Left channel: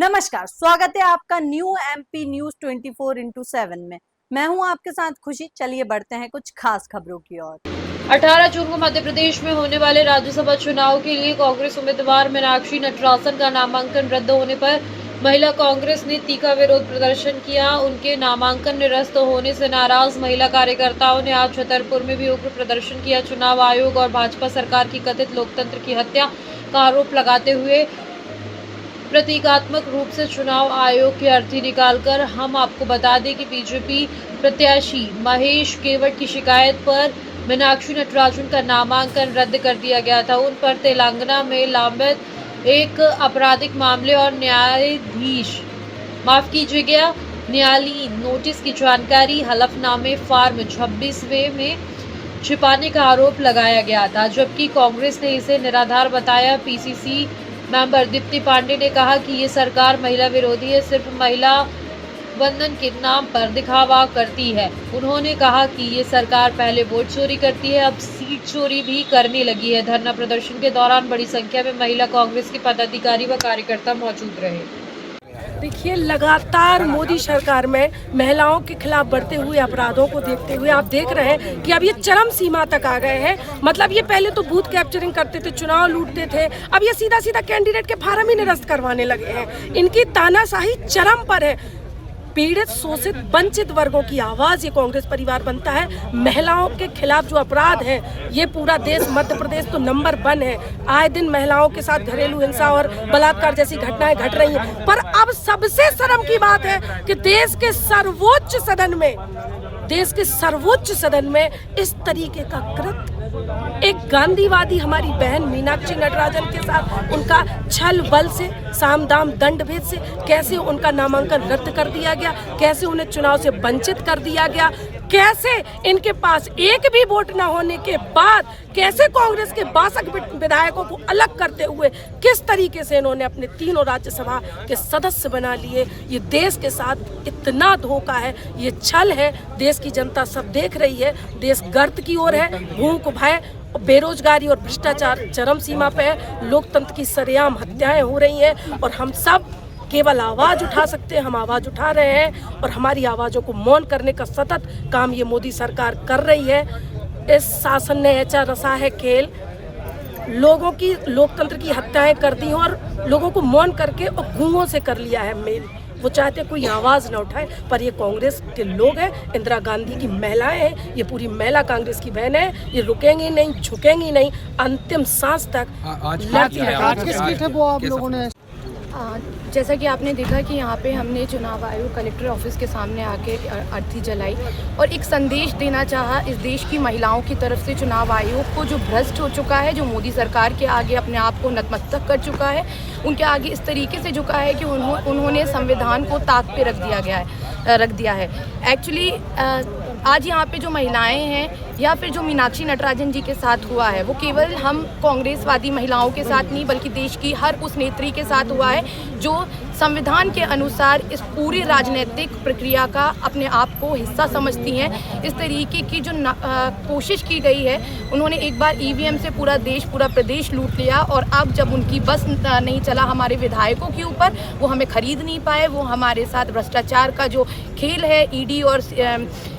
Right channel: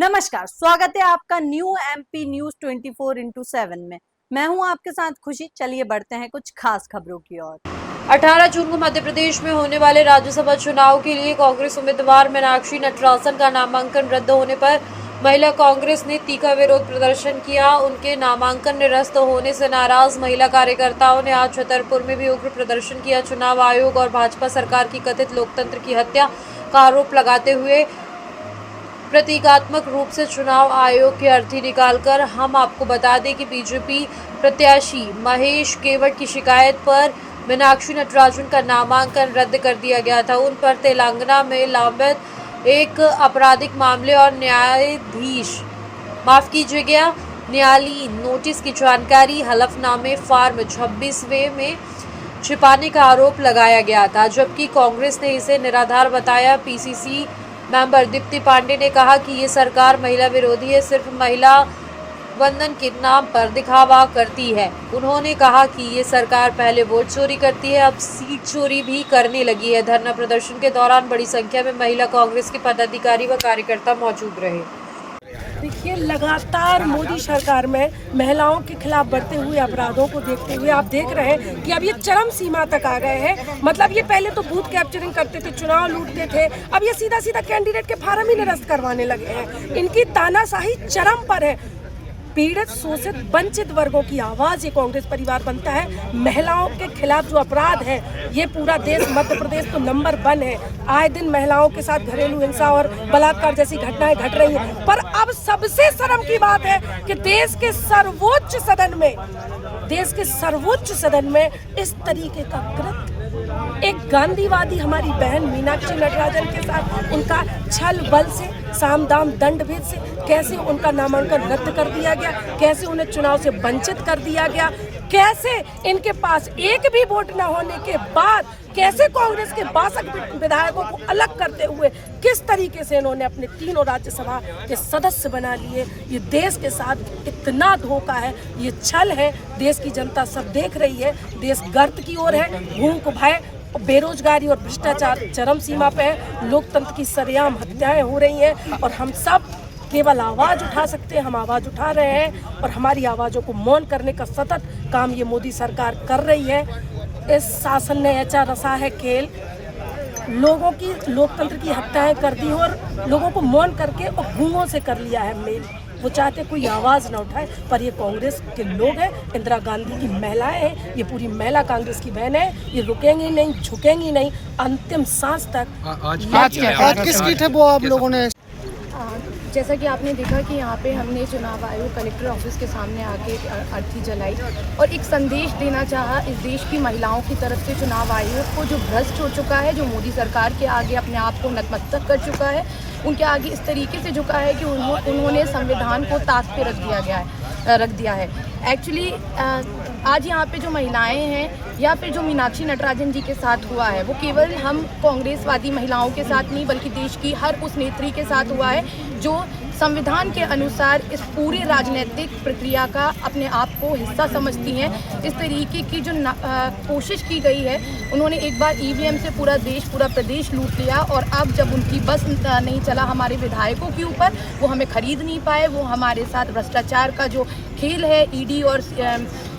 नमस्कार, स्वागत है आपका न्यू एमपी न्यूज 24x7 में। मैं हूं आपके साथ खुशी। चलिए बढ़ते हैं कुछ खास खबरों की ओर। 18 जून को मध्य प्रदेश में होने वाले राज्यसभा चुनाव के लिए कांग्रेस उम्मीदवार मीनाक्षी नटराजन का नामांकन रद्द होने पर महिला कांग्रेस ने तीखा विरोध प्रदर्शन किया। उनके नामांकन निरस्त होने से नाराज महिला कार्यकर्ताओं ने आज छतरपुर में भी उग्र प्रदर्शन किया। चुनाव आयोग और भाजपा सरकार की कथित लोकतंत्र की हत्या का आरोप लगाते हुए प्रतीकात्मक रूप से चुनाव आयोग की अर्थी निकालकर हम आपको बता दें कि बीजेपी प्रत्याशी महेश केवट की शिकायत पर मीनाक्षी नटराजन का नामांकन रद्द कर दिया गया था। उन पर तेलंगाना में लंबित एक आपराधिक मामले और न्यायालीन नोटिस की जानकारी हलफनामे फॉर्म 26वें में छिपाने का आरोप लगाया गया था, जबकि कांग्रेस ने इसे निराधार बताया। पीसीसी मेंबर दीप्ति पांडे ने कहा कि ये सरकार महिला विरोधी है, सिर्फ महिला वंदन के नाम पर दिखावा करती है। उन्होंने कहा कि ये सरकार पहले वोट चोरी करती है, अब सीट चोरी भी करने लगी है। धरना प्रदर्शन के दौरान बड़ी संख्या में महिला कांग्रेस के पदाधिकारी व कार्यकर्ता मौजूद रहे। देखिए, लगातार मोदी सरकार में महिलाओं के खिलाफ बढ़ते हुए अपराधों को देखते हुए आप देख रहे हैं कि अब ये चरम सीमा तक आ गए हैं। मतलब ये पहले तो बूथ कैप्चरिंग करते थे, चुनाव लूटते थे, अब ये सीधा सीधा कैंडिडेट के फार्म ही निरस्त करवाने लगे हैं। इनकी तानाशाही चरम पर है। पीड़ित, शोषित, वंचित वर्गों की आवाज ये कांग्रेस परिवार बनता है। महिलाओं के खिलाफ जो अपराध है, ये पूरा देश, मध्य प्रदेश तो नंबर 1 है। आए दिन महिलाओं के साथ घरेलू हिंसा और बलात्कार जैसी घटनाएं घट रही हैं। पर अब सबसे शर्म की बात है कि देश के सर्वोच्च सदन में इस तरीके का कृत्य एक गांधीवादी हमारी बहन मीनाक्षी नटराजन के साथ उनका छल बल से, साम दाम दंड भेद से कैसे उनका नामांकन रद्द कर दिया गया, कैसे उन्हें चुनाव से वंचित कर दिया गया, कैसे इनके पास एक भी वोट न होने के बाद कैसे कांग्रेस के 62 विधायकों को अलग करते हुए किस तरीके से इन्होंने अपने तीनों राज्यसभा के सदस्य बना लिए। ये देश के साथ इतना धोखा है, ये छल है। देश की जनता सब देख रही है। देश गर्त की ओर है। भूख, भय, बेरोजगारी और भ्रष्टाचार चरम सीमा पे है। लोकतंत्र की सरेआम हत्याएं हो रही हैं और हम सब केवल आवाज उठा सकते हैं। हम आवाज उठा रहे हैं और हमारी आवाजों को मौन करने का सतत काम ये मोदी सरकार कर रही है। इस शासन ने ऐसा रचा है खेल, लोगों की लोकतंत्र की हत्याएं कर दी और लोगों को मौन करके और गूंगों से कर लिया है मेल। वो चाहते कोई आवाज ना उठाए, पर ये कांग्रेस के लोग हैं, इंदिरा गांधी की महिलाएं हैं, ये पूरी महिला कांग्रेस की बहन है। ये रुकेंगी नहीं, झुकेंगी नहीं, अंतिम सांस तक। आज किस की थे वो आप लोगों ने? जैसा कि आपने देखा कि यहाँ पे हमने चुनाव आयोग कलेक्टर ऑफिस के सामने आके अर्थी जलाई और एक संदेश देना चाहा इस देश की महिलाओं की तरफ से। चुनाव आयोग को जो भ्रष्ट हो चुका है, जो मोदी सरकार के आगे अपने आप को नतमस्तक कर चुका है, उनके आगे इस तरीके से झुका है कि उन्होंने संविधान को ताक पे रख दिया है। एक्चुअली आज यहाँ पे जो महिलाएं हैं या फिर जो मीनाक्षी नटराजन जी के साथ हुआ है, वो केवल हम कांग्रेसवादी महिलाओं के साथ नहीं बल्कि देश की हर उस नेत्री के साथ हुआ है जो संविधान के अनुसार इस पूरी राजनीतिक प्रक्रिया का अपने आप को हिस्सा समझती हैं। इस तरीके की जो कोशिश की गई है, उन्होंने एक बार ईवीएम से पूरा प्रदेश लूट लिया और अब जब उनकी बस नहीं चला हमारे विधायकों के ऊपर, वो हमें खरीद नहीं पाए, वो हमारे साथ भ्रष्टाचार का जो खेल है, ईडी और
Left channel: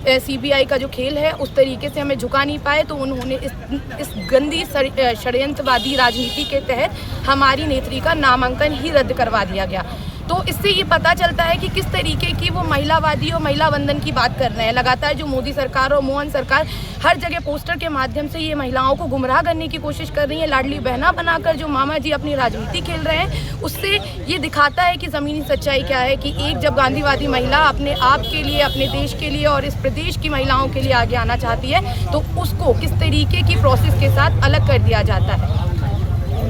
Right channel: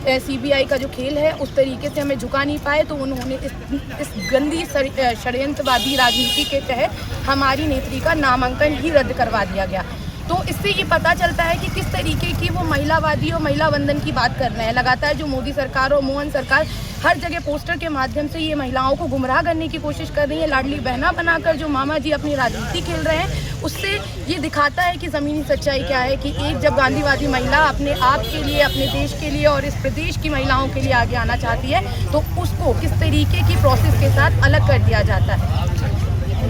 सीबीआई का जो खेल है, उस तरीके से हमें झुका नहीं पाए, तो उन्होंने इस गंदी षड्यंत्रवादी राजनीति के तहत हमारी नेत्री का नामांकन ही रद्द करवा दिया गया। तो इससे ये पता चलता है कि किस तरीके की वो महिलावादी और महिला वंदन की बात कर रहे हैं। लगातार जो मोदी सरकार और मोहन सरकार हर जगह पोस्टर के माध्यम से ये महिलाओं को गुमराह करने की कोशिश कर रही है। लाडली बहना बनाकर जो मामा जी अपनी राजनीति खेल रहे हैं, उससे ये दिखाता है कि ज़मीनी सच्चाई क्या है। कि एक जब गांधीवादी महिला अपने आप के लिए, अपने देश के लिए और इस प्रदेश की महिलाओं के लिए आगे आना चाहती है, तो उसको किस तरीके की प्रोसेस के साथ अलग कर दिया जाता है।